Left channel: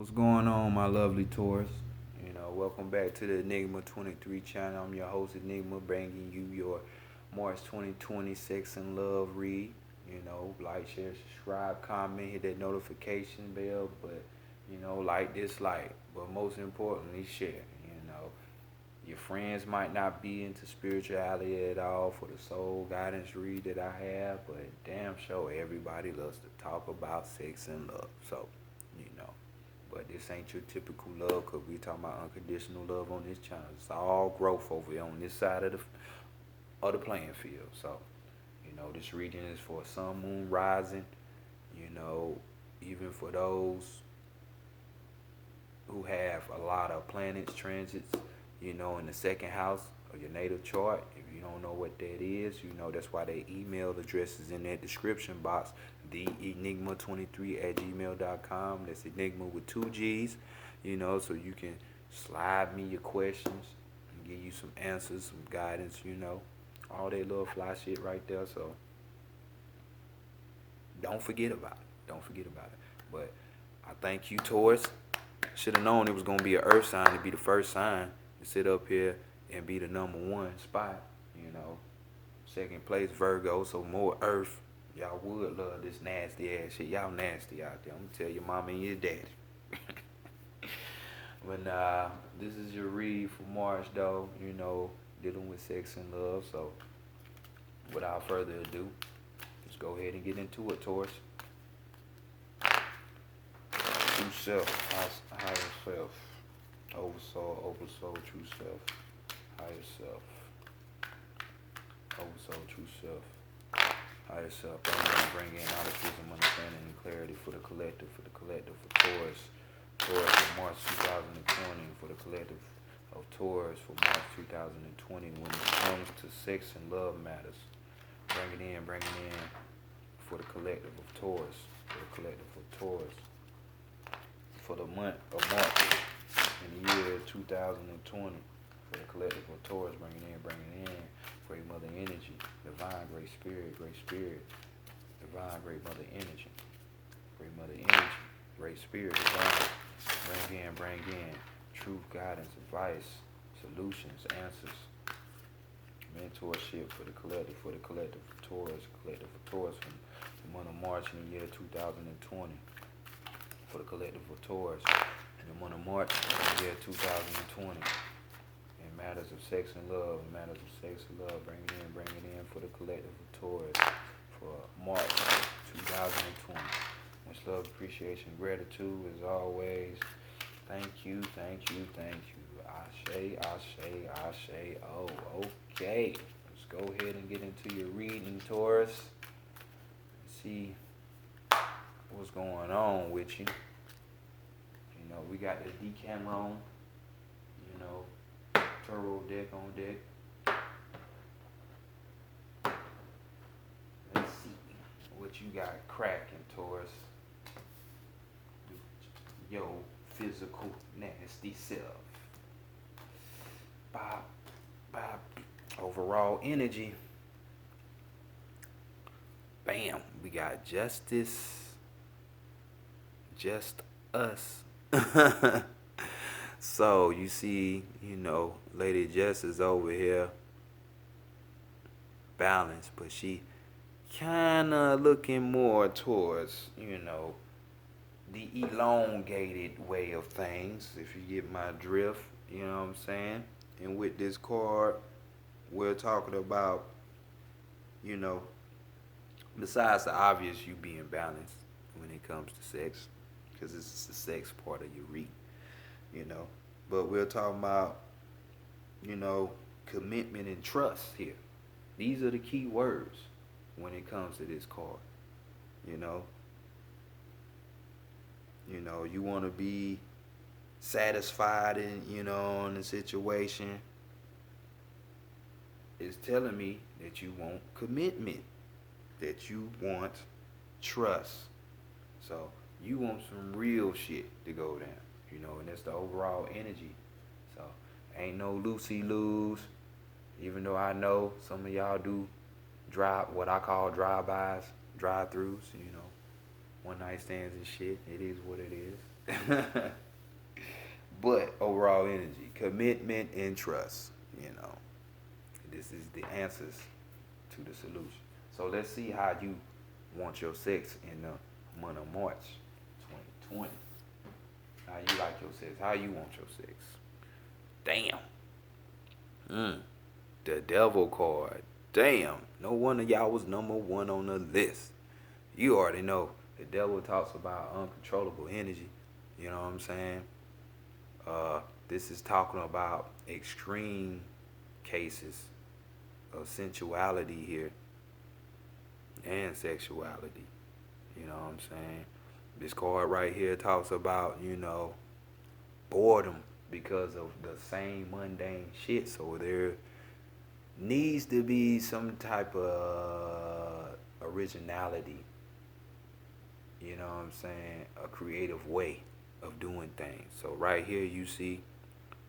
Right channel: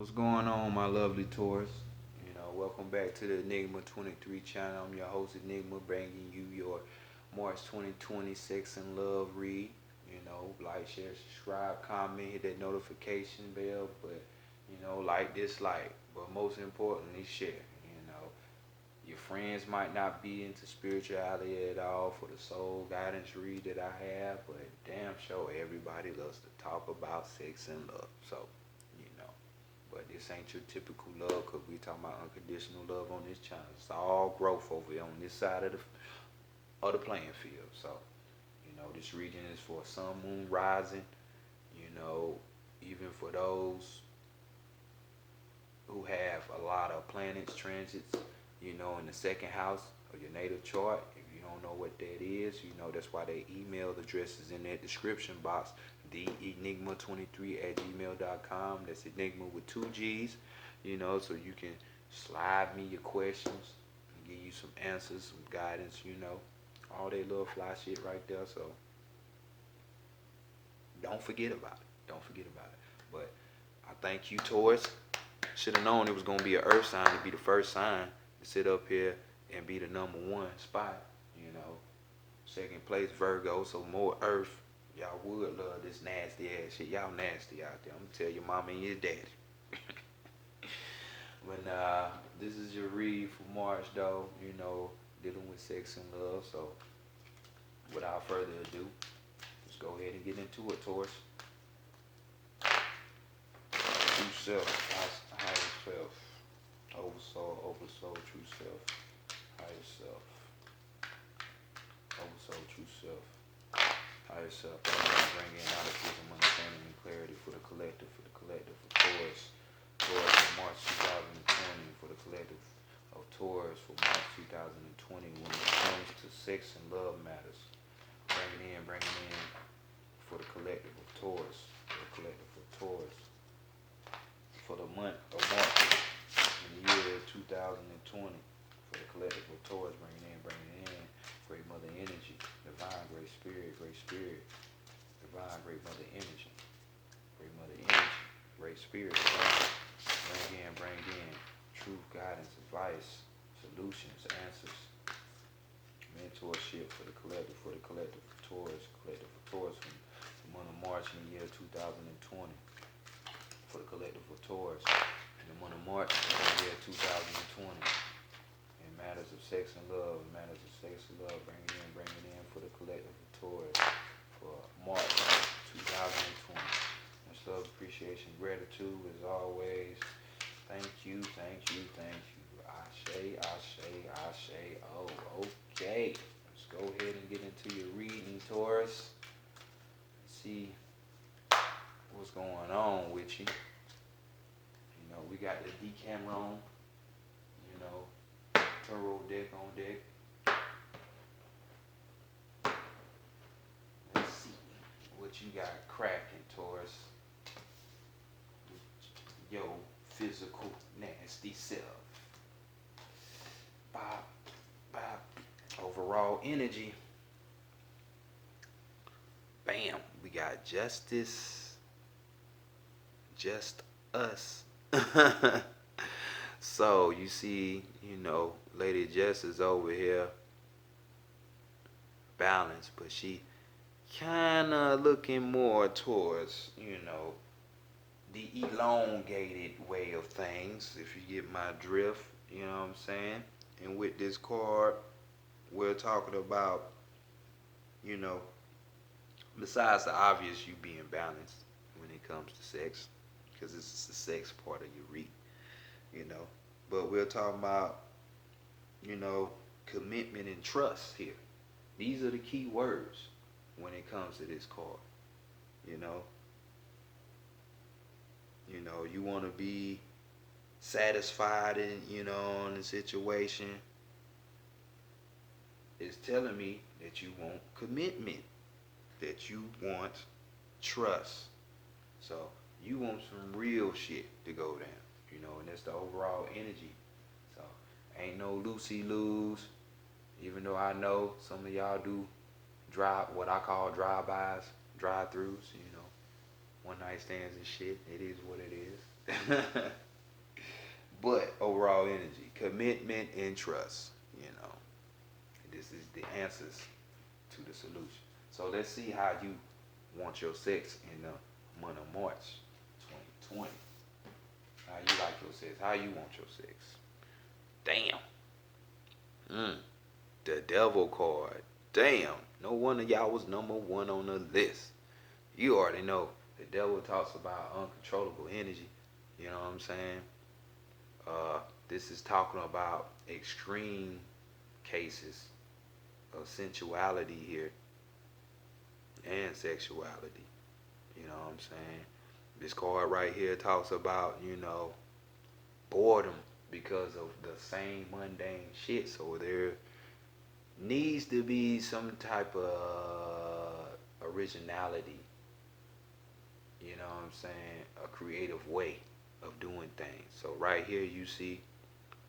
What's going on, my lovely Taurus? Welcome back to the Enigma 23 channel. I'm your host, Enigma, bringing you your March 2020 Sex and Love read. Like, share, subscribe, comment, hit that notification bell, but, like, dislike. But most importantly, share. Your friends might not be into spirituality at all for the soul guidance read that I have, but damn sure everybody loves to talk about sex and love. So, you know. But this ain't your typical love because we talking about unconditional love on this channel. It's all growth over here on this side of the playing field. So, this reading is for sun, moon, rising. You know, even for those who have a lot of planets transits, in the second house of your natal chart. If you don't know what that is, that's why they email address is in that description box. The enigma23 at gmail.com. That's enigma with two G's, so you can slide me your questions and give you some answers, some guidance, all that little fly shit right there. So don't forget about it. Don't forget about it. But I thank you, Taurus. Should have known it was gonna be an Earth sign to be the first sign to sit up here and be the number one spot. You know, second place Virgo, so more Earth. Y'all would love this nasty ass shit. Y'all nasty out there. I'm gonna tell your mama and your daddy. when this is your read for March, though, dealing with sex and love. So without further ado, let's go ahead and get into it, Taurus. True self, higher self, oversoul, true self, higher self, oversoul, true self, higher self. Bring in knowledge, understanding, and clarity for the collective, for Taurus. Taurus for March 2020, for the collective of Taurus for March 2020, when it comes to sex and love matters. Bring it in for the collective of Taurus, for the collective of Taurus. For the month of March in the year 2020, for the collective of Taurus, bring it in, great mother energy, divine, great spirit, divine, great mother energy, great spirit, divine, bring in, truth, guidance, advice, solutions, answers, mentorship for the collective of Taurus, from the month of March in the year 2020. For the collective of Taurus in the month of March in the year 2020. In matters of sex and love, bring it in for the collective of Taurus for March 2020. Much love, appreciation, gratitude as always. Thank you. Ashe. Oh, okay. Let's go ahead and get into your reading, Taurus. Let's see what's going on with you. We got the Decameron, Tarot deck on deck. Let's see what you got cracking, Taurus. Yo, physical nasty self. Bop. Overall energy. Bam. We got justice. Just us. So you see, Lady Jess is over here balanced, but she kinda looking more towards, the elongated way of things, if you get my drift, you know what I'm saying? And with this card, we're talking about, besides the obvious you being balanced when it comes to sex, because this is the sex part of your read, you know. But we're talking about, commitment and trust here. These are the key words when it comes to this card, you know. You want to be satisfied in the situation. It's telling me that you want commitment, that you want trust. So you want some real shit to go down, and that's the overall energy. So ain't no loosey loos. Even though I know some of y'all do what I call drive-bys, drive-throughs, one night stands and shit. It is what it is. But overall energy, commitment and trust. You know, this is the answers to the solution. So let's see how you want your sex in the month of March 2020. How you like your sex? How you want your sex? Damn. Mm. The devil card. Damn. No wonder y'all was number one on the list. You already know. The devil talks about uncontrollable energy. You know what I'm saying? Uh, this is talking about extreme cases of sensuality here and sexuality. You know what I'm saying? This card right here talks about, boredom because of the same mundane shit. So there needs to be some type of originality, you know what I'm saying? A creative way of doing things. So right here you see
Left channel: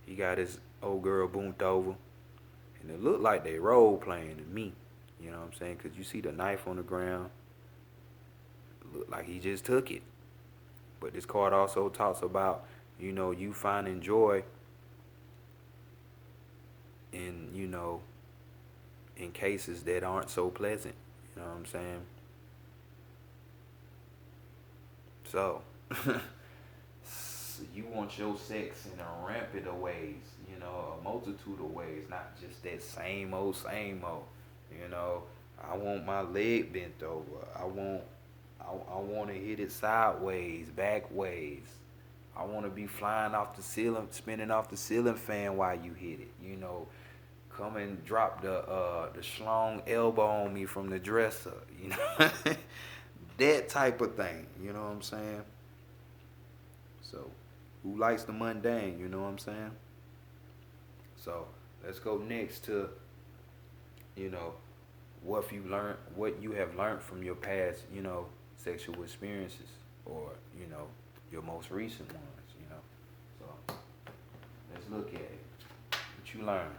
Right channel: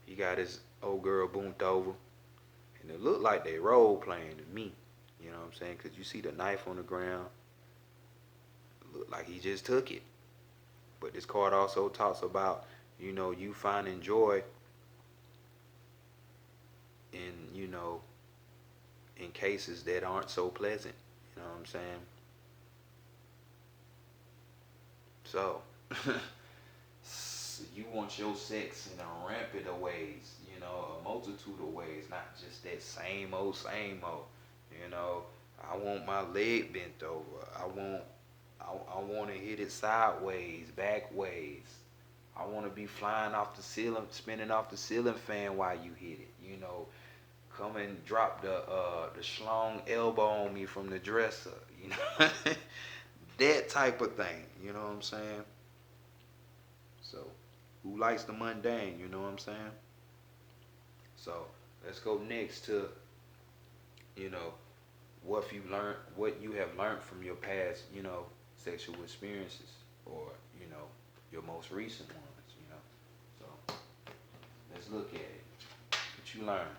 he got his old girl boomed over and it looked like they role playing to me. You know what I'm saying? Because you see the knife on the ground. It looked like he just took it. But this card also talks about, you finding joy in, in cases that aren't so pleasant. You know what I'm saying? So, you want your sex in a rampant of ways, a multitude of ways, not just that same old, same old. You know, I want my leg bent over. I want to hit it sideways, back ways. I want to be flying off the ceiling, spinning off the ceiling fan while you hit it. Come and drop the schlong elbow on me from the dresser. That type of thing. You know what I'm saying? So, who likes the mundane? You know what I'm saying? So, let's go next to you know what you have learned from your past, sexual experiences, or your most recent ones. So, let's look at it. What you learn?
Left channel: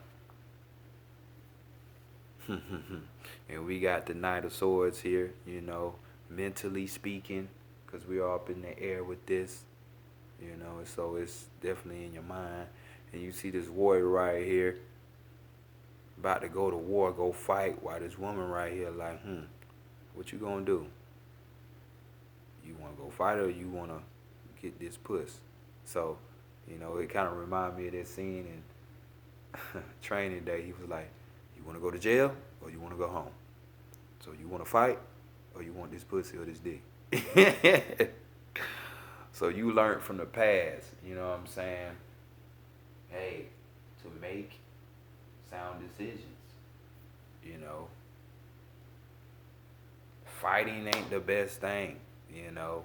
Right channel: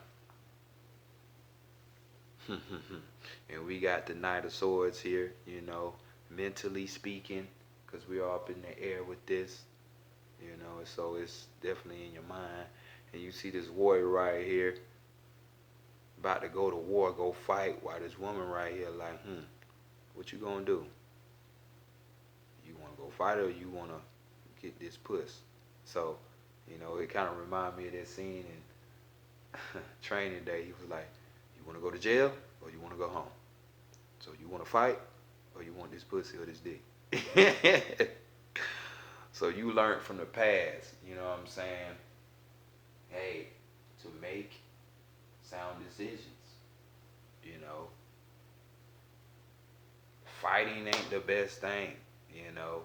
And we got the Knight of Swords here, mentally speaking, because we're up in the air with this, so it's definitely in your mind. And you see this warrior right here, about to go to war, go fight, while this woman right here, like, what you gonna do? You wanna go fight or you wanna get this puss? So, it kind of reminded me of that scene in Training Day. He was like, you wanna go to jail or you wanna go home? So you wanna fight or you want this pussy or this dick? So you learned from the past, you know what I'm saying? Hey, to make sound decisions, you know. Fighting ain't the best thing, you know.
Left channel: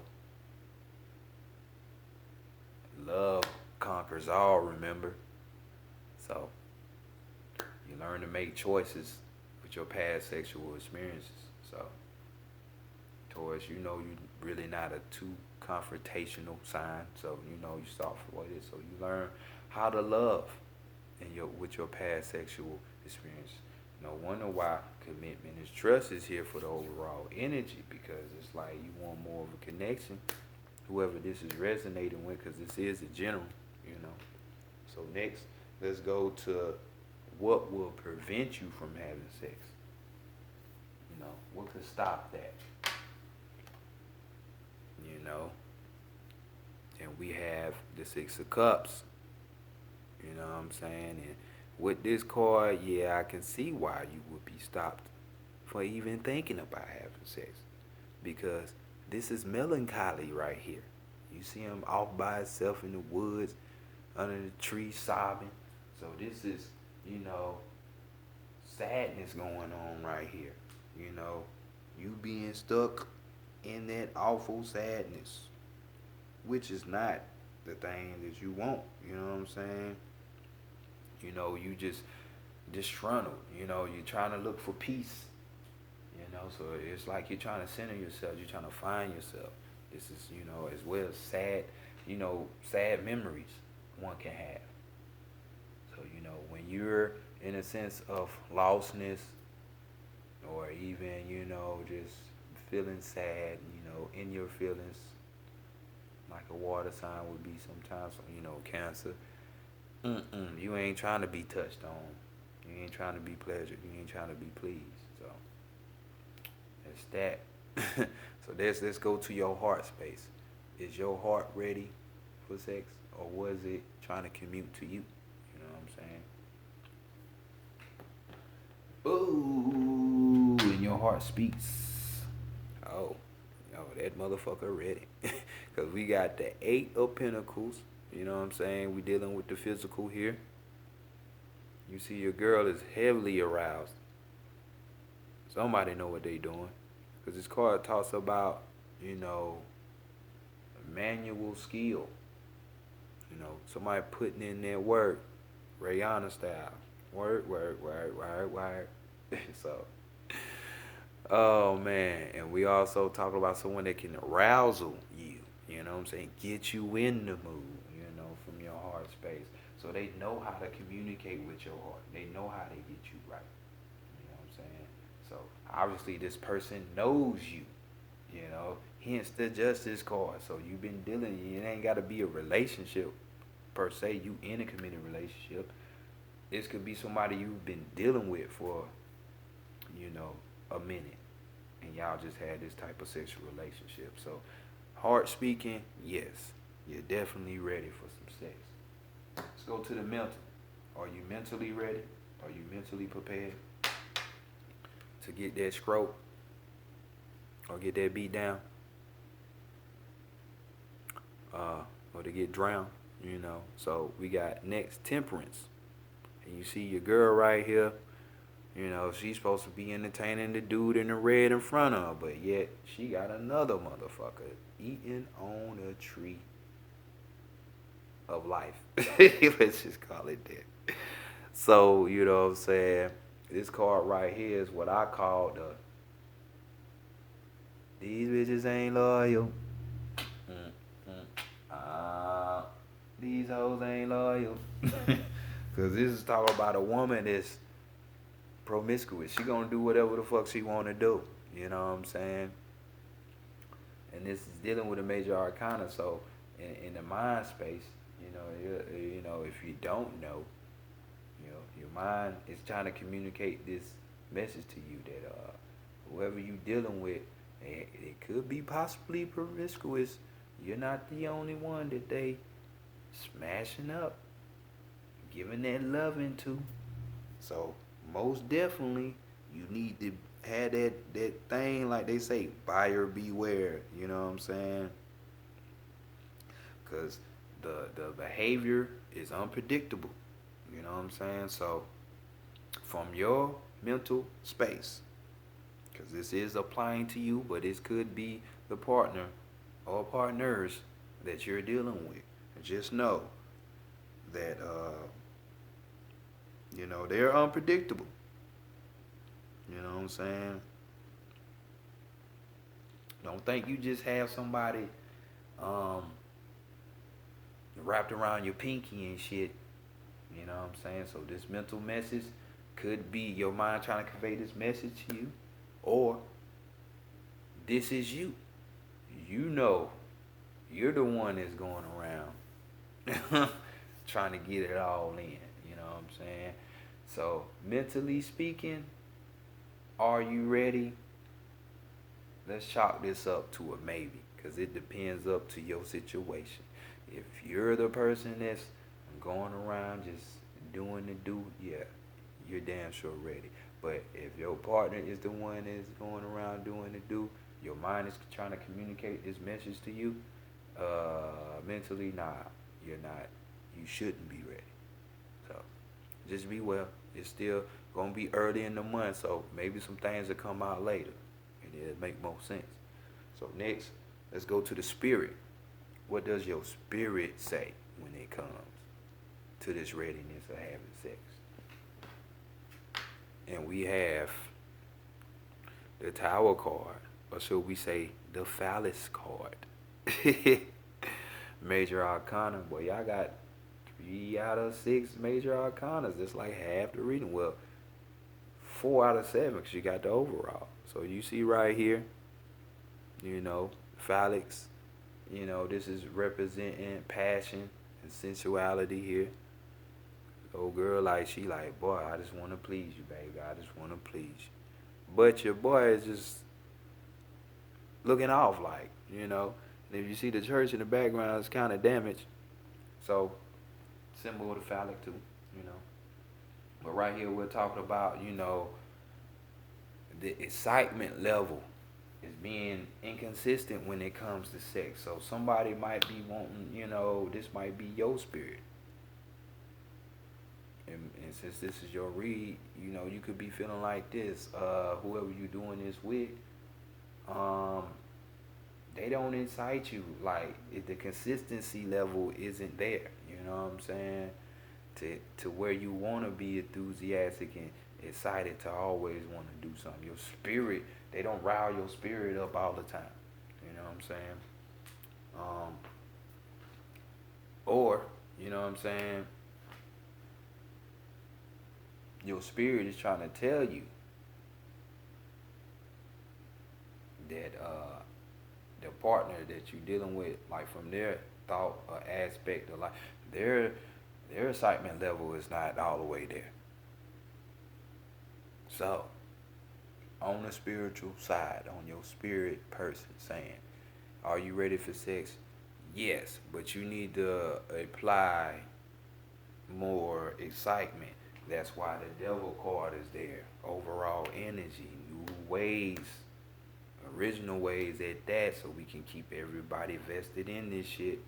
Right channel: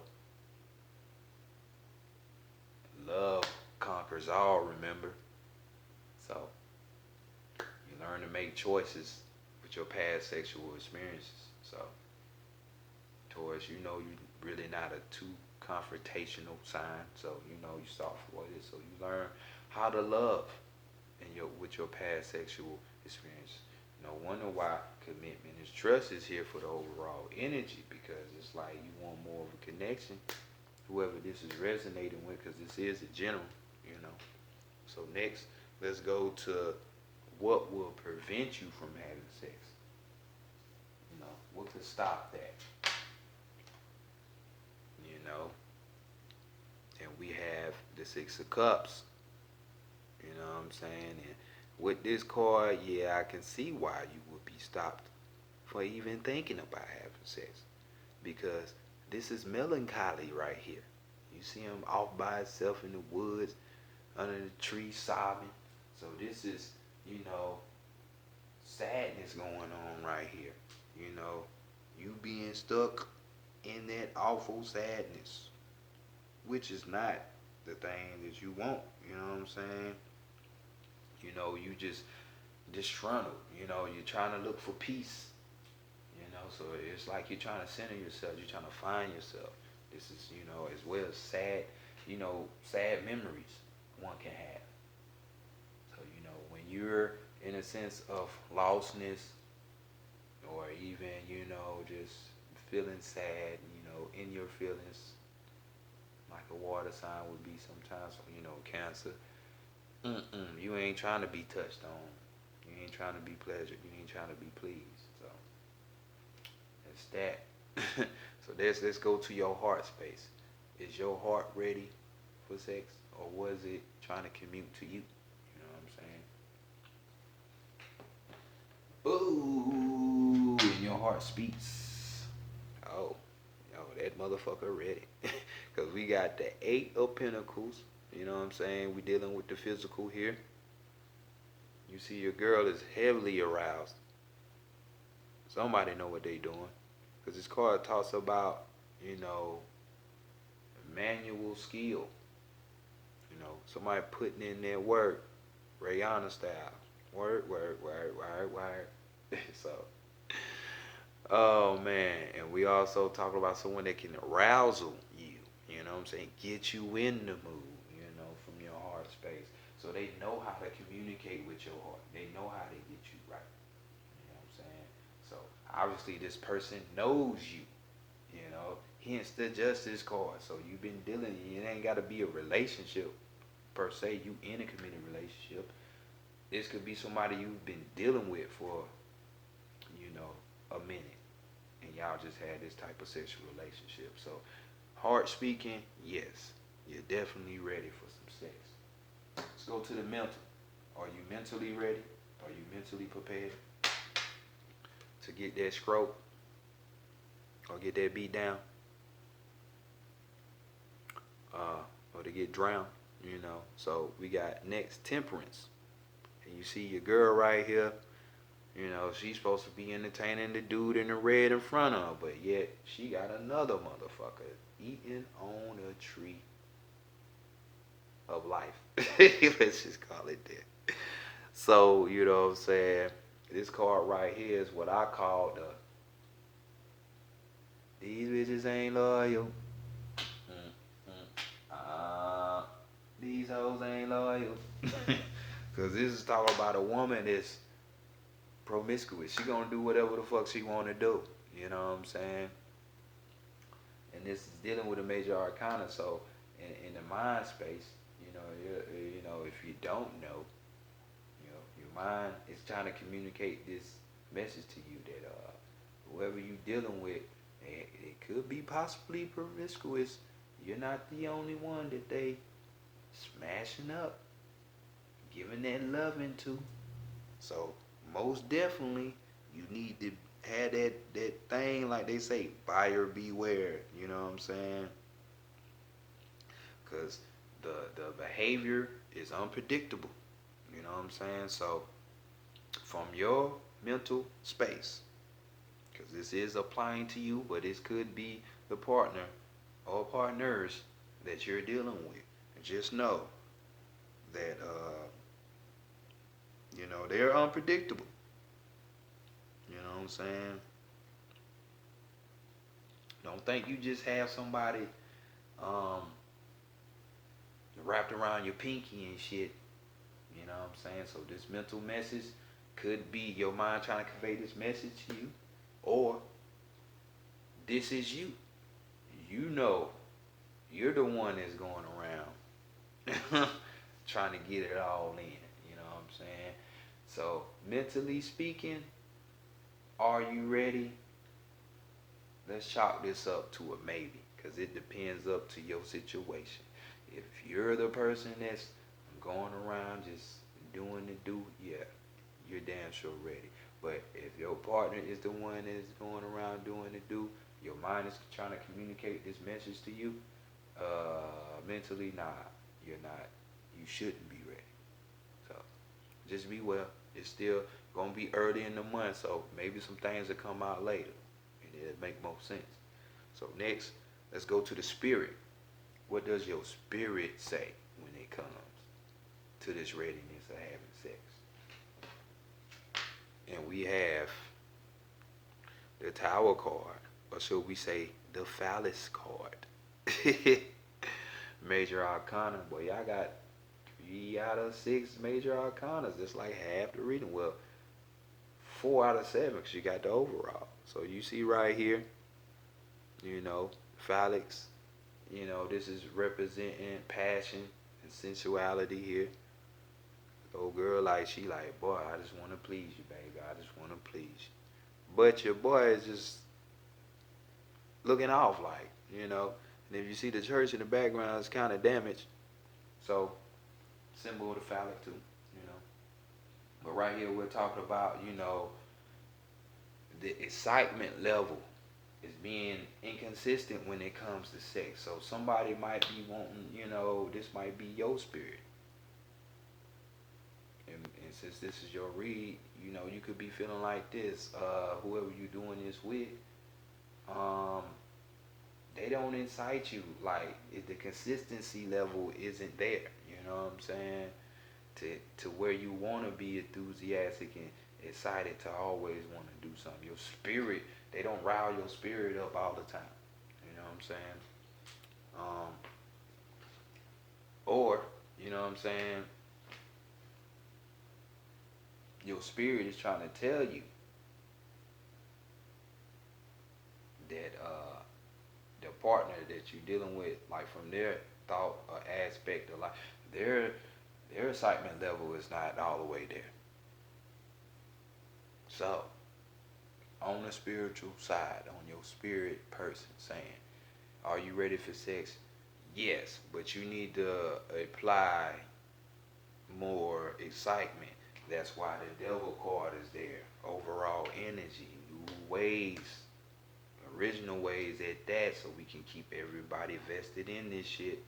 Love conquers all, remember? So you learn to make choices with your past sexual experiences. So Taurus, you really not a too confrontational sign. So you soft for it. So you learn how to love with your past sexual experience. No wonder why commitment is trust is here for the overall energy, because it's like you want more of a connection. Whoever this is resonating with, because this is a general, you know. So next, let's go to what will prevent you from having sex. What could stop that? You know, and we have the Six of Cups. You know what I'm saying? And with this card, yeah, I can see why you would be stopped for even thinking about having sex, because this is melancholy right here. You see him off by himself in the woods, under the tree, sobbing. So this is, sadness going on right here. You being stuck in that awful sadness, which is not the thing that you want. You know what I'm saying? You just disgruntled. You're trying to look for peace. So it's like you're trying to center yourself. You're trying to find yourself. This is, as well as sad, sad memories one can have. So, when you're in a sense of lostness, or even, just feeling sad, in your feelings, like a water sign would be sometimes, Cancer. You ain't trying to be touched on. You ain't trying to be pleasured. You ain't trying to be pleased. So that's that. So let's go to your heart space. Is your heart ready for sex, or was it trying to commute to you? You know what I'm saying? Ooh, and your heart speaks. Oh, that motherfucker ready. Because we got the Eight of Pentacles. You know what I'm saying? We dealing with the physical here. You see your girl is heavily aroused. Somebody know what they doing. Because this card talks about, you know, manual skill. Somebody putting in their work. Rihanna style. Work. So, oh man. And we also talk about someone that can arousal you. You know what I'm saying? Get you in the mood, from your heart space. So they know how to communicate with your heart. They know how to get you right. You know what I'm saying? So obviously this person knows you. Hence the justice card. So you've been dealing. It ain't got to be a relationship per se. You in a committed relationship. This could be somebody you've been dealing with for, a minute, and y'all just had this type of sexual relationship. So, heart speaking, yes, you're definitely ready for some sex. Let's go to the mental. Are you mentally ready? Are you mentally prepared to get that stroke or get that beat down, or to get drowned? So we got next temperance, and you see your girl right here. She's supposed to be entertaining the dude in the red in front of her, but yet she got another motherfucker eating on a tree of life. Let's just call it that. So, you know what I'm saying? This card right here is what I call these bitches ain't loyal. These hoes ain't loyal. Because this is talking about a woman that's promiscuous. She gonna do whatever the fuck she wanna do. You know what I'm saying? And this is dealing with a major arcana. So in the mind space, if you don't know, your mind is trying to communicate this message to you that whoever you dealing with, it could be possibly promiscuous. You're not the only one that they smashing up, giving that loving to. So most definitely, you need to have that thing like they say, buyer beware. You know what I'm saying? Because the behavior is unpredictable. You know what I'm saying? So from your mental space, because this is applying to you, but this could be the partner or partners that you're dealing with. Just know that they're unpredictable. You know what I'm saying? Don't think you just have somebody um, wrapped around your pinky and shit. You know what I'm saying? So this mental message could be your mind trying to convey this message to you, or this is you. You know, you're the one that's going around trying to get it all in. You know what I'm saying? So mentally speaking, are you ready? Let's chalk this up to a maybe, because it depends up to your situation. If you're the person that's going around just doing the do, yeah, you're damn sure ready. But if your partner is the one that's going around doing the do, your mind is trying to communicate this message to you, mentally, nah, you're not. You shouldn't be ready. So just be well. It's still gonna be early in the month, so maybe some things will come out later, and it'll make more sense. So next, let's go to the spirit. What does your spirit say when it comes to this readiness of having sex? And we have the Tower card, or should we say the Phallus card? Major Arcana. Boy, y'all got 3 out of 6 major arcanas. That's like half the reading. Well, 4 out of 7 because you got the overall. So you see right here, phallics, This is representing passion and sensuality here. Old girl, like, she like, boy, I just want to please you, baby. I just want to please you. But your boy is just looking off, like. And if you see the church in the background, it's kind of damaged. So, symbol of the phallic too, you know. But right here, we're talking about, the excitement level is being inconsistent when it comes to sex. So somebody might be wanting, this might be your spirit. And since this is your read, you could be feeling like this. Whoever you doing this with, um, they don't incite you. Like, if the consistency level isn't there, you know what I'm saying? To where you want to be enthusiastic and excited to always want to do something. Your spirit, they don't rile your spirit up all the time. You know what I'm saying? Um, or, you know what I'm saying? Your spirit is trying to tell you that the partner that you're dealing with, like, from their thought or aspect of life, their their excitement level is not all the way there. So, on the spiritual side, on your spirit person, saying, are you ready for sex? Yes, but you need to apply more excitement. That's why the devil card is there. Overall energy, new ways, original ways at that, so we can keep everybody vested in this shit.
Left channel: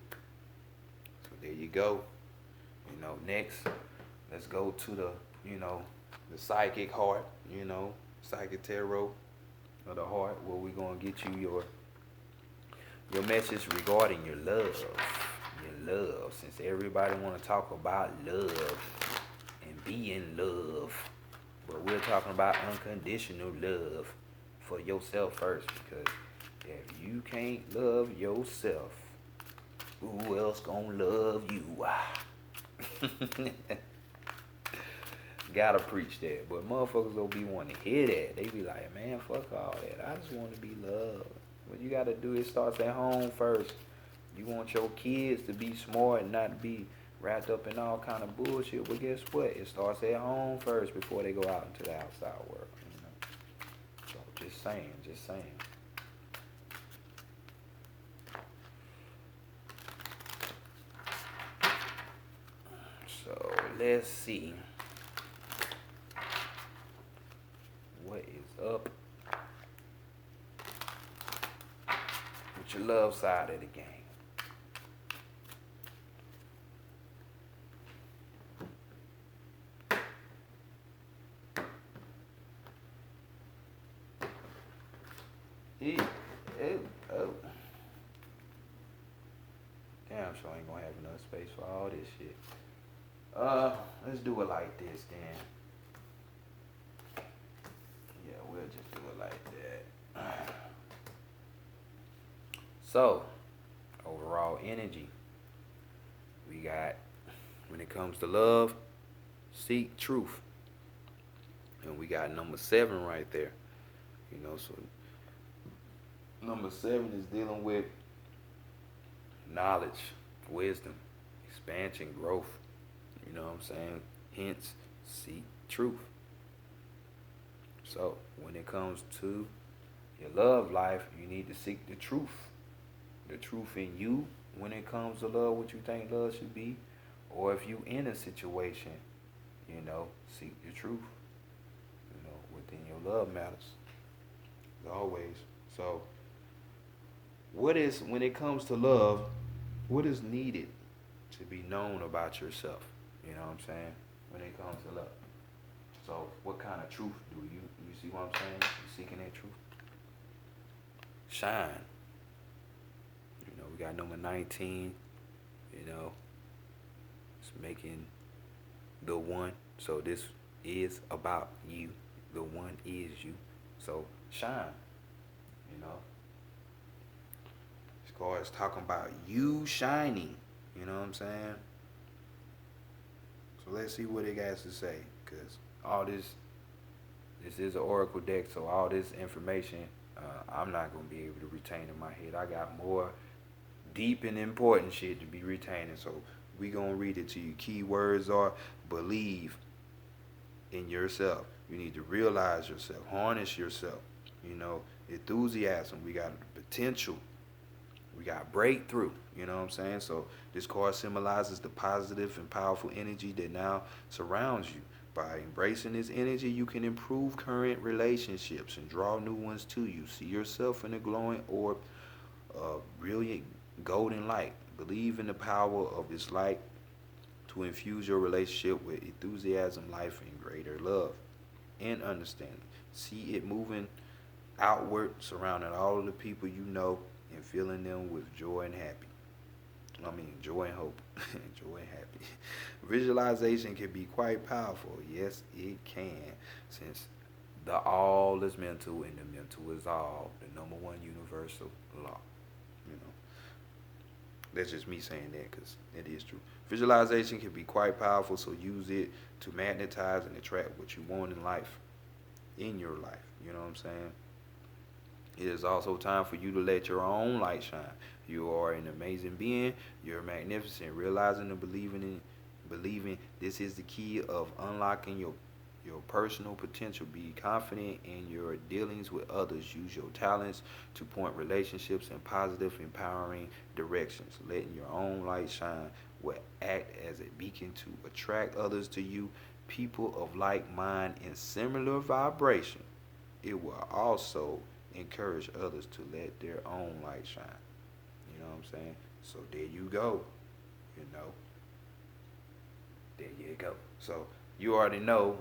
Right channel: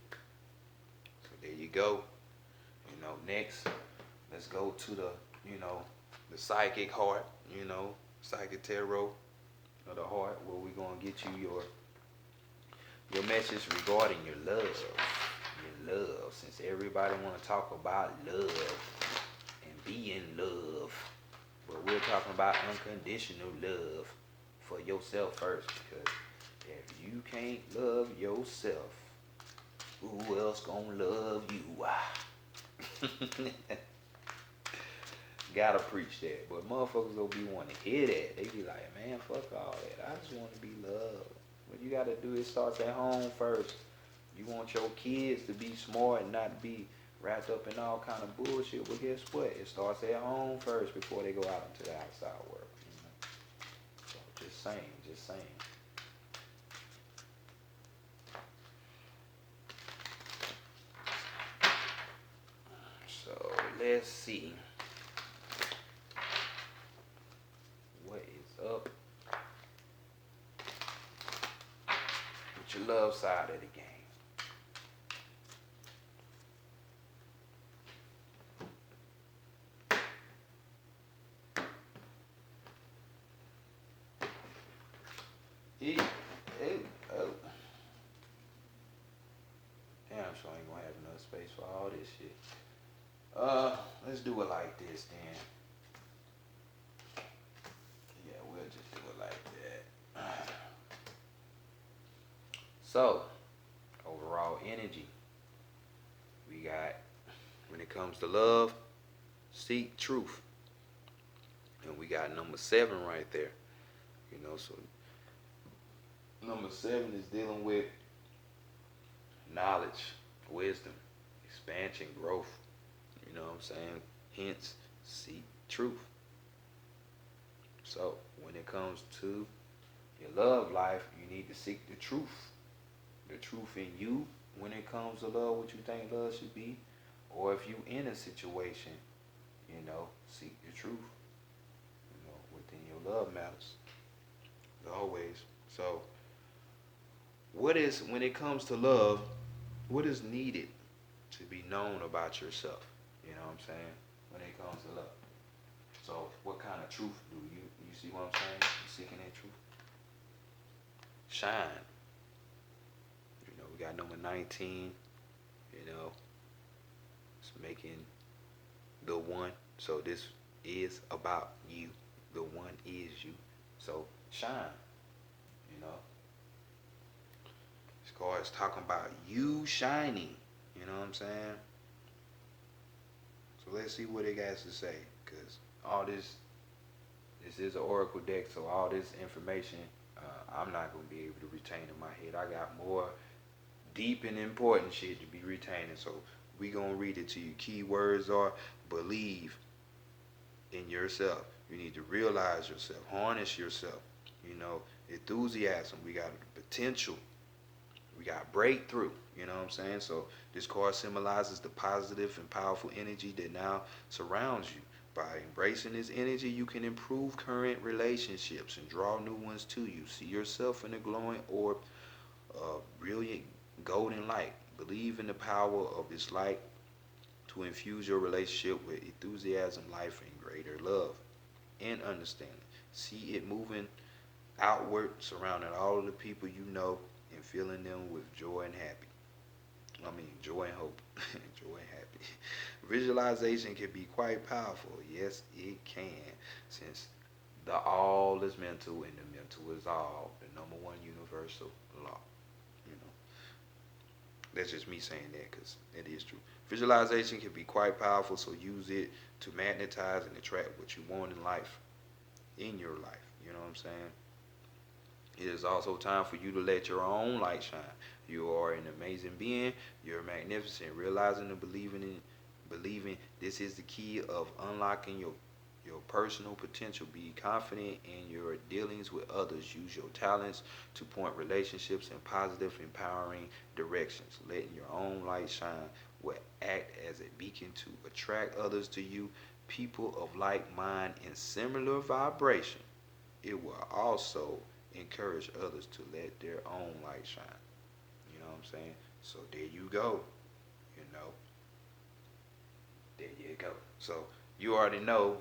So there you go. Next, let's go to the psychic heart, psychic tarot of the heart, where we're gonna get you your message regarding your love. Your love. Since everybody wanna talk about love and be in love. But we're talking about unconditional love for yourself first, because if you can't love yourself, who else gonna love you? Gotta preach that. But motherfuckers don't be wanting to hear that. They be like, man, fuck all that. I just want to be loved. What you gotta do is start at home first. You want your kids to be smart and not be wrapped up in all kind of bullshit. But guess what? It starts at home first before they go out into the outside world. So just saying, just saying. So let's see what is up with your love side of the game. Yeah, oh. Damn, so I ain't gonna have enough space for all this shit. Let's do it like this then. Yeah, we'll just do it like that. So, overall energy. We got, when it comes to love, seek truth. And we got number 7 right there. So number 7 is dealing with knowledge, wisdom, expansion, growth. You know what I'm saying? Hence, seek truth. So, when it comes to your love life, you need to seek the truth. The truth in you when it comes to love, what you think love should be. Or if you in a situation, seek the truth. Within your love matters. Always. So, when it comes to love, what is needed to be known about yourself? You know what I'm saying? When it comes to love. So, what kind of truth do you see what I'm saying? You seeking that truth? Shine. We got number 19, it's making the one. So this is about you. The one is you. So shine, you know. This card is talking about you shining. You know what I'm saying? So let's see what it has to say. Because all this is an oracle deck. So all this information, I'm not going to be able to retain in my head. I got more deep and important shit to be retaining. So we gonna read it to you. Key words are believe in yourself. You need to realize yourself, harness yourself. You know, enthusiasm. We got potential. We got breakthrough. You know what I'm saying? So this card symbolizes the positive and powerful energy that now surrounds you. By embracing this energy, you can improve current relationships and draw new ones to you. See yourself in a glowing orb of brilliant golden light. Believe in the power of this light to infuse your relationship with enthusiasm, life, and greater love and understanding. See it moving outward, surrounding all of the people you know, and filling them with joy and happy. I mean, joy and hope, joy and happy. Visualization can be quite powerful. Yes, it can, since the all is mental and the mental is all, the number one universal law. You know, that's just me saying that because it is true. Visualization can be quite powerful, so use it to magnetize and attract what you want in life, in your life. You know what I'm saying? It is also time for you to let your own light shine. You are an amazing being. You're magnificent. Realizing and believing this is the key of unlocking your personal potential. Be confident in your dealings with others. Use your talents to point relationships in positive, empowering directions. Letting your own light shine will act as a beacon to attract others to you. People of like mind and similar vibration. It will also encourage others to let their own light shine. You know what I'm saying? So there you go. You know, there you go. So you already know,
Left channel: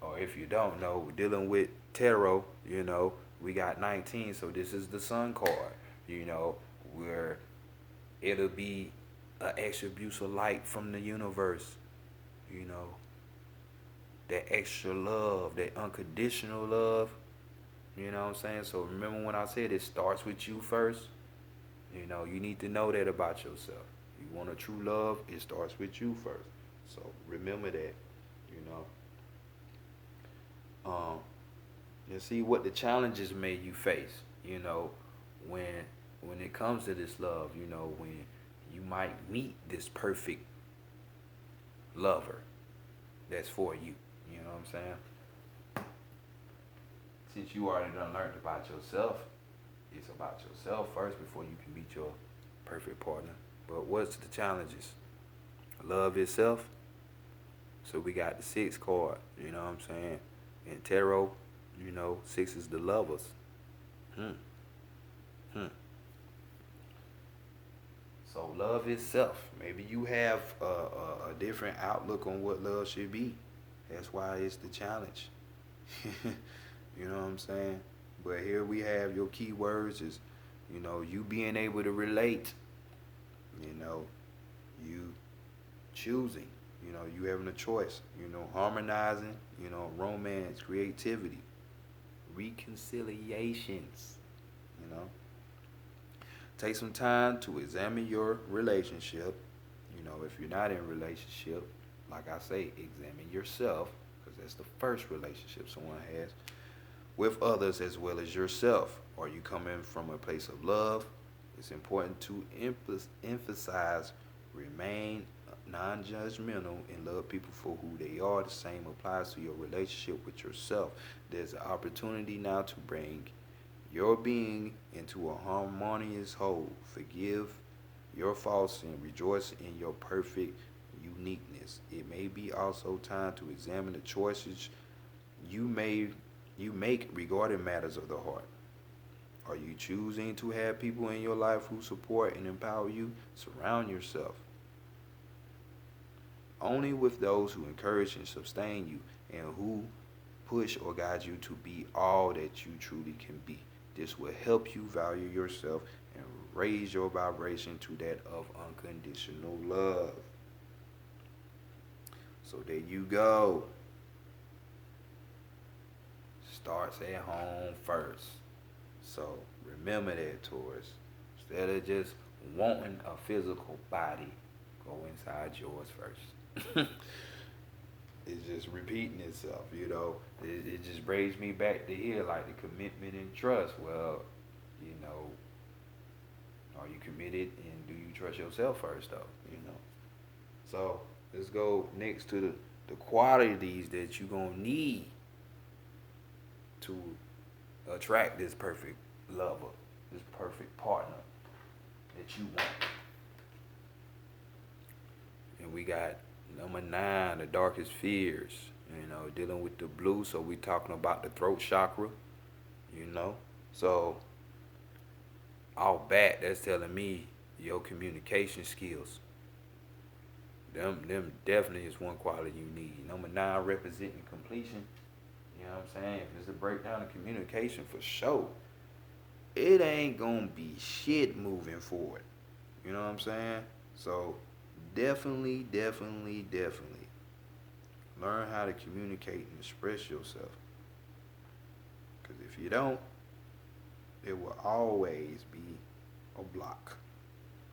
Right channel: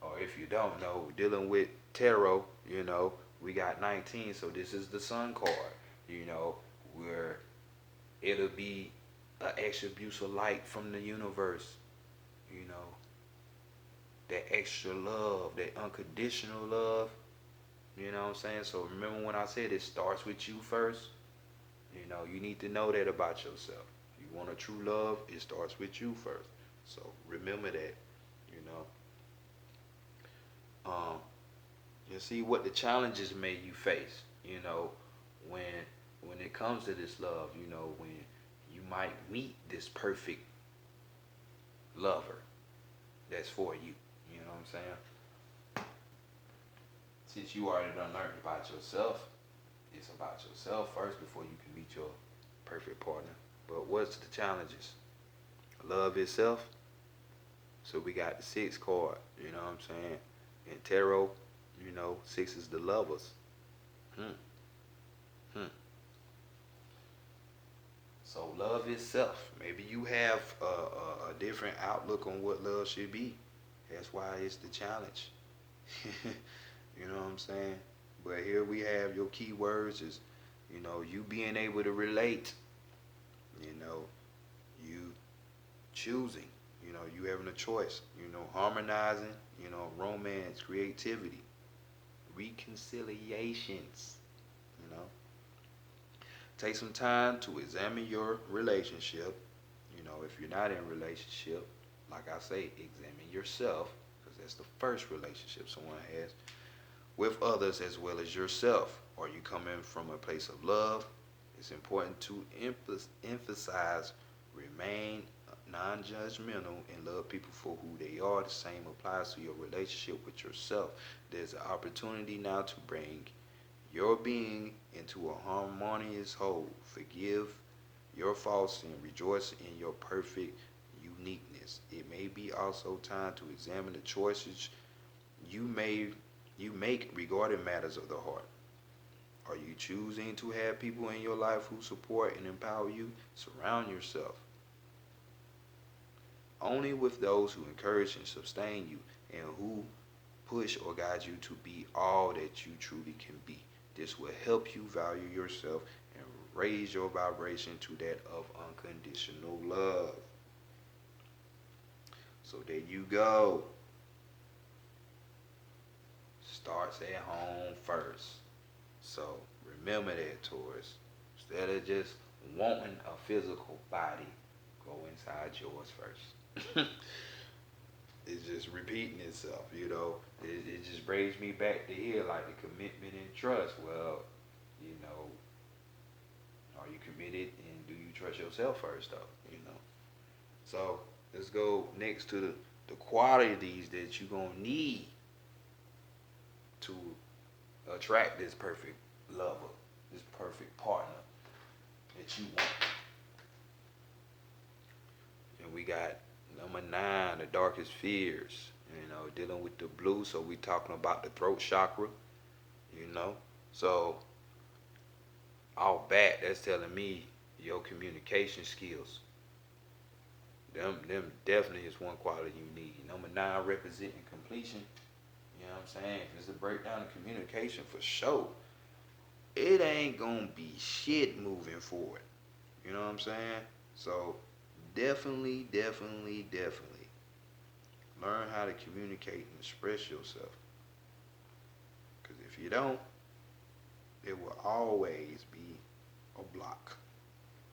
or if you don't know, we're dealing with tarot. You know, we got 19, so this is the Sun card. You know, where it'll be an attributes of light from the universe. You know, that extra love, that unconditional love. You know what I'm saying? So remember when I said it starts with you first? You know, you need to know that about yourself. You want a true love, it starts with you first. So remember that, you know. Um, and see what the challenges may you face, you know, when when it comes to this love, you know, when you might meet this perfect lover that's for you. You know what I'm saying? Since you already done learned about yourself, it's about yourself first before you can meet your perfect partner. But what's the challenges? Love itself. So we got the six card, you know what I'm saying? In tarot, you know, six is the lovers. Hmm. Hmm. So love itself. Maybe you have a different outlook on what love should be. That's why it's the challenge. You know what I'm saying? But here we have your key words is, you know, you being able to relate, you know, you choosing, you know, you having a choice, you know, harmonizing, you know, romance, creativity, reconciliations, you know. Take some time to examine your relationship. You know, if you're not in a relationship, like I say, examine yourself, because that's the first relationship someone has with others as well as yourself. Are you coming from a place of love? It's important to emphasize, remain non judgmental, and love people for who they are. The same applies to your relationship with yourself. There's an opportunity now to bring your being into a harmonious whole. Forgive your faults and rejoice in your perfect uniqueness. It may be also time to examine the choices you may you make regarding matters of the heart. Are you choosing to have people in your life who support and empower you? Surround yourself only with those who encourage and sustain you and who push or guide you to be all that you truly can be. This will help you value yourself and raise your vibration to that of unconditional love. So there you go. Starts at home first. So remember that, Taurus. Instead of just wanting a physical body, go inside yours first. It's just repeating itself, you know. It just brings me back to here, like the commitment and trust. Well, you know, Are you committed, and do you trust yourself first, though? You know. So let's go next to the qualities that you're gonna need to attract this perfect lover, this perfect partner that you want. And we got number 9, the darkest fears. You know, dealing with the blue. So we talking about the throat chakra. You know, so all bat that's telling me your communication skills. Them definitely is one quality you need. Number 9, representing completion. You know what I'm saying? It's a breakdown of communication for sure. It ain't gonna be shit moving forward. You know what I'm saying? So definitely learn how to communicate and express yourself. Because if you don't, it will always be a block.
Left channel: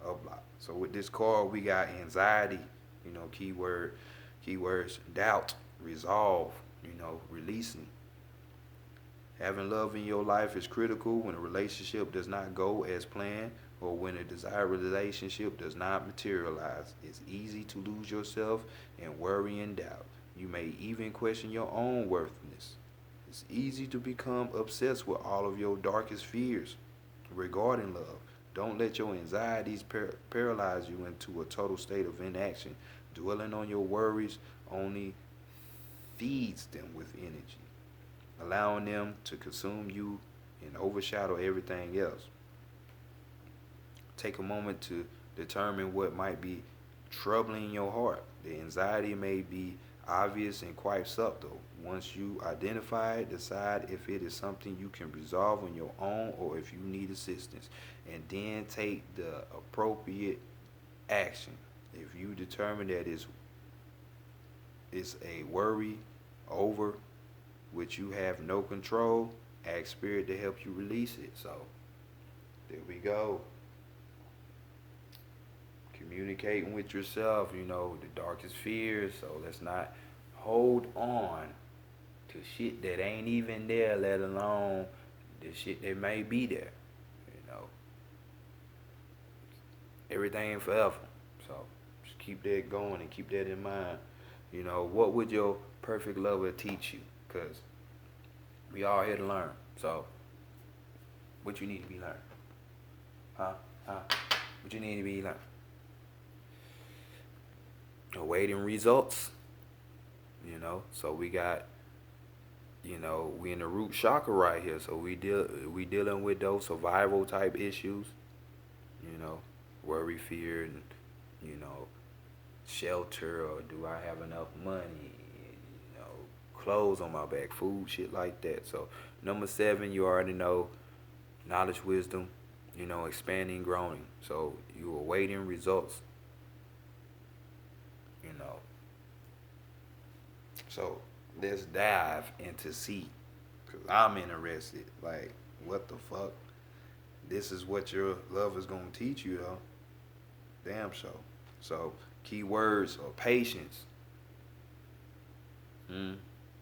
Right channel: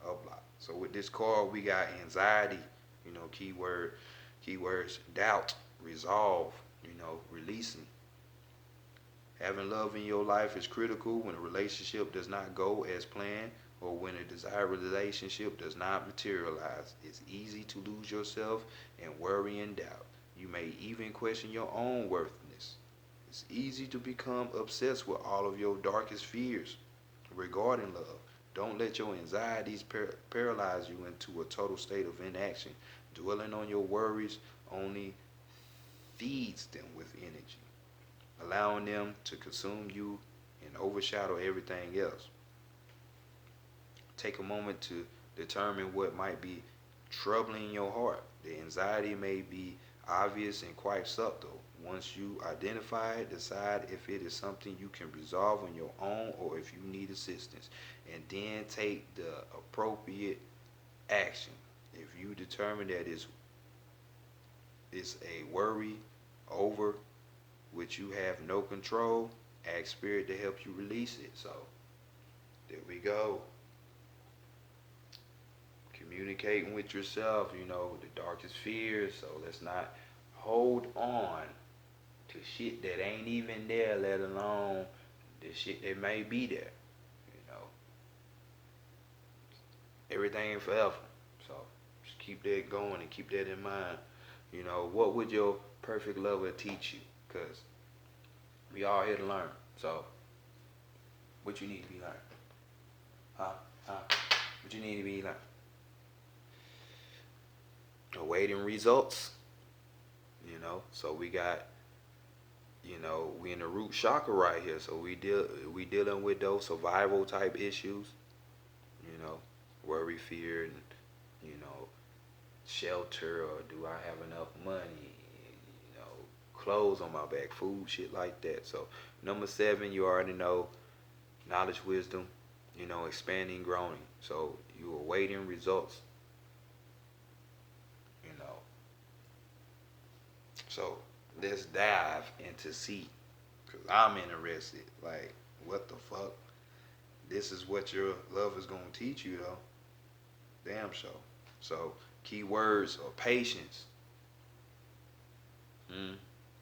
A block. So with this card, we got anxiety, you know, keywords, doubt, resolve, you know, releasing. Having love in your life is critical when a relationship does not go as planned or when a desired relationship does not materialize. It's easy to lose yourself and worry and doubt. You may even question your own worthiness. It's easy to become obsessed with all of your darkest fears regarding love. Don't let your anxieties paralyze you into a total state of inaction. Dwelling on your worries only feeds them with energy, allowing them to consume you and overshadow everything else. Take a moment to determine what might be troubling your heart. The anxiety may be obvious and quite subtle. Once you identify it, decide if it is something you can resolve on your own or if you need assistance, and then take the appropriate action. If you determine that it's a worry over which you have no control, ask spirit to help you release it. So there we go. Communicating with yourself, you know, the darkest fears. So let's not hold on to shit that ain't even there, let alone the shit that may be there. You know, everything ain't forever. So just keep that going and keep that in mind. You know, what would your perfect lover teach you? Because we all here to learn. So what you need to be learning? Huh? Huh? What you need to be learning? Awaiting results. You know, so we got, you know, we in the root chakra right here. So we dealing with those survival type issues. You know, worry, fear, and you know, shelter, or do I have enough money? You know, clothes on my back, food, shit like that. So number 7, you already know, knowledge, wisdom. You know, expanding, growing. So you awaiting results. You know, so let's dive into C, cause I'm interested. Like, what the fuck? This is what your love is gonna teach you, though. Damn sure. So keywords are patience, mm,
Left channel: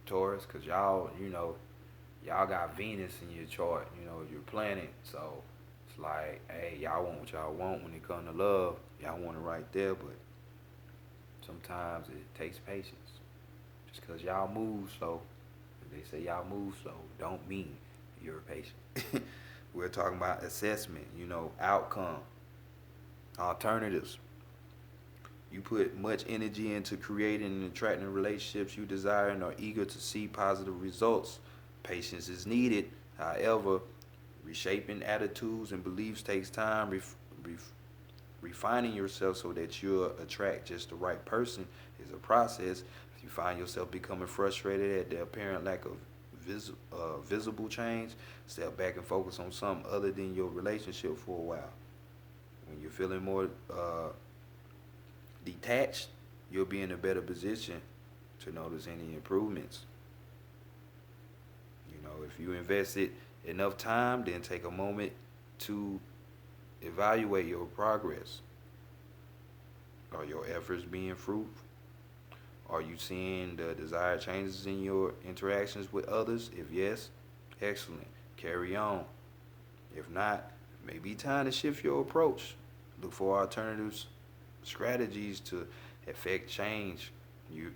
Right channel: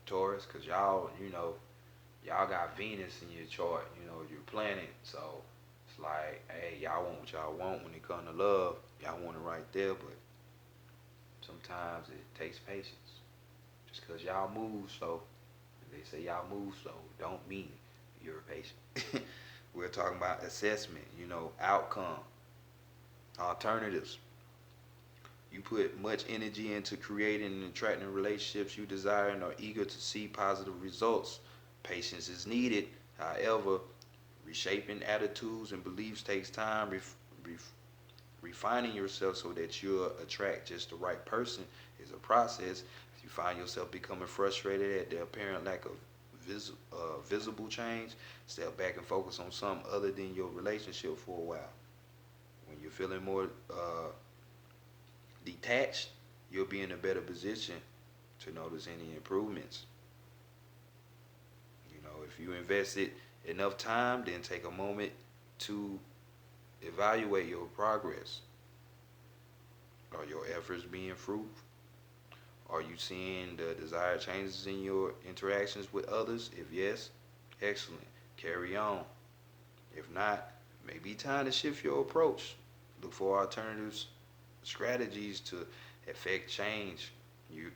Taurus, cause y'all, you know, y'all got Venus in your chart. You know, your planet. So it's like, hey, y'all want what y'all want when it comes to love. Y'all want it right there, but sometimes it takes patience. Just because y'all move slow, if they say y'all move slow, don't mean you're patient. We're talking about assessment, you know, outcome, alternatives. You put much energy into creating and attracting relationships you desire and are eager to see positive results. Patience is needed. However, reshaping attitudes and beliefs takes time. Refining yourself so that you'll attract just the right person is a process. If you find yourself becoming frustrated at the apparent lack of visible change, step back and focus on something other than your relationship for a while. When you're feeling more detached, you'll be in a better position to notice any improvements. You know, if you invested enough time, then take a moment to evaluate your progress. Are your efforts being fruitful? Are you seeing the desired changes in your interactions with others? If yes, excellent. Carry on. If not, Maybe time to shift your approach. Look for alternatives, strategies to affect change you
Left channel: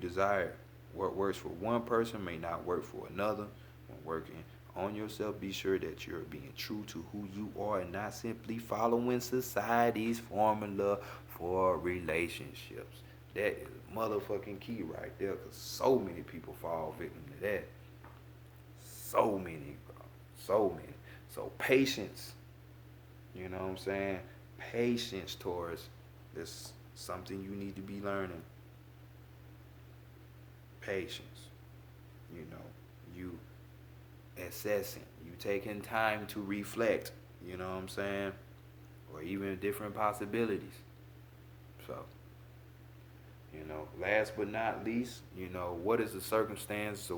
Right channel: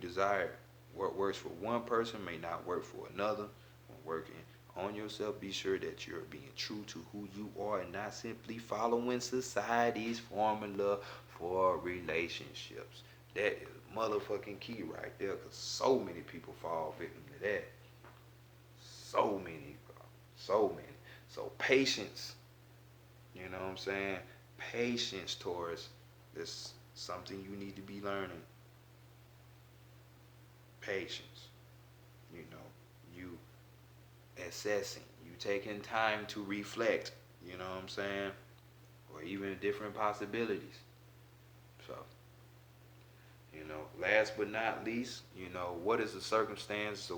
desire. What works for one person may not work for another. When working on yourself, be sure that you're being true to who you are and not simply following society's formula for relationships. That is motherfucking key right there, because so many people fall victim to that. So many, bro. So many. So patience, you know what I'm saying? Patience, Taurus, is something you need to be learning. Patience, you know, you assessing, you taking time to reflect, you know what I'm saying? Or even different possibilities. So, last but not least, what is the circumstance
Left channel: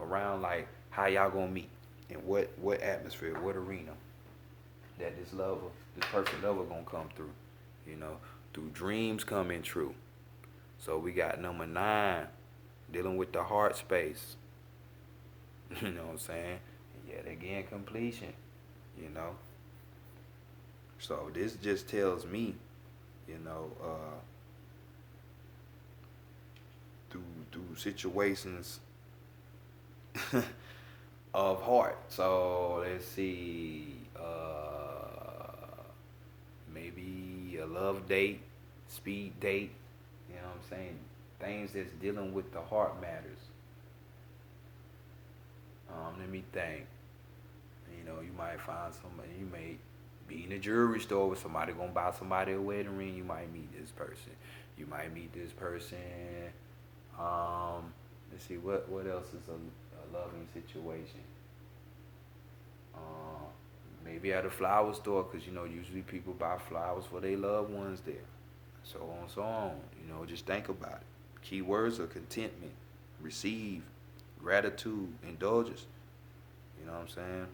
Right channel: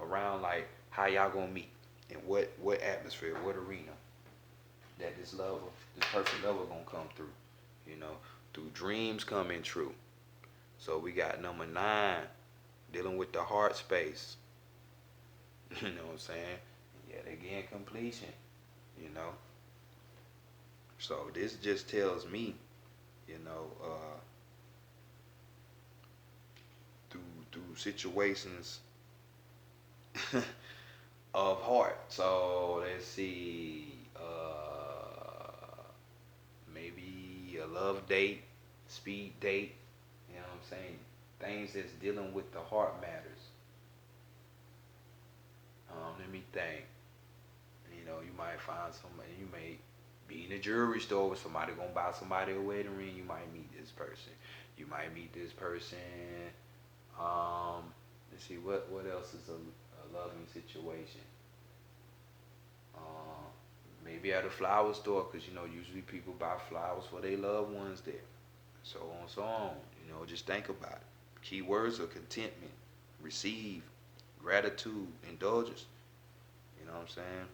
around like how y'all gonna meet and what atmosphere, what arena that this perfect lover gonna come through, you know, through dreams coming true. So we got number 9, dealing with the heart space. You know what I'm saying? Yet again, completion. You know. So this just tells me, you know, through situations of heart. So let's see, maybe a love date, speed date. You know what I'm saying? Things that's dealing with the heart matters. Let me think. You might find somebody. You may be in a jewelry store with somebody gonna buy somebody a wedding ring. You might meet this person. You might meet this person. Let's see what else is a loving situation. Um, Maybe at a flower store, because usually people buy flowers for their loved ones there. So on, so on. Just think about it. Key words are contentment, receive, gratitude, indulgence. You know what I'm saying?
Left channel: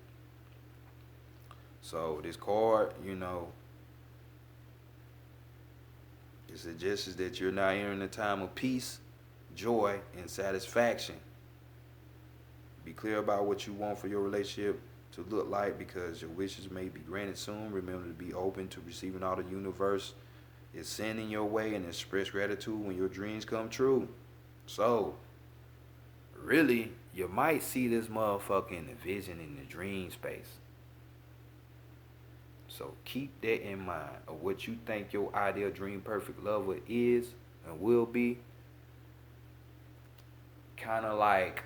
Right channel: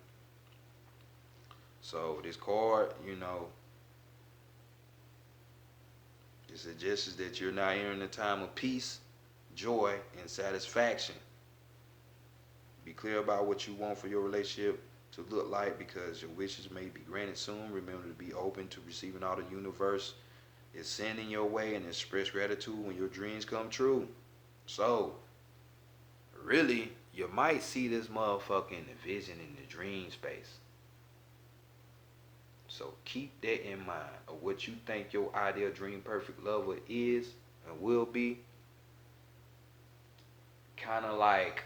So this card, it suggests that you're now entering a time of peace, joy, and satisfaction. Be clear about what you want for your relationship to look like, because your wishes may be granted soon. Remember to be open to receiving all the universe is sending your way, and express gratitude when your dreams come true. So, really, you might see this motherfucker in the vision in the dream space. So keep that in mind of what you think your ideal dream perfect lover is and will be. Kind of like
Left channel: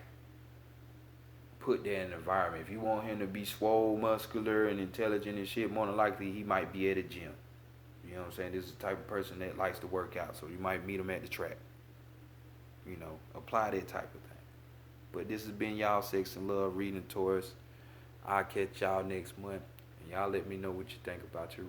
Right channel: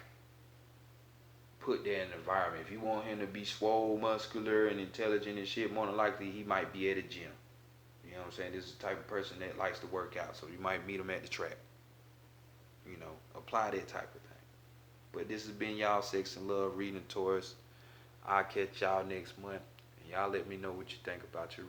put that in the environment. If you want him to be swole, muscular, and intelligent and shit, more than likely he might be at a gym. You know what I'm saying? This is the type of person that likes to work out, so you might meet him at the track. Apply that type of thing. But this has been y'all Sex and Love reading Taurus. I'll catch y'all next month. And y'all let me know what you think about your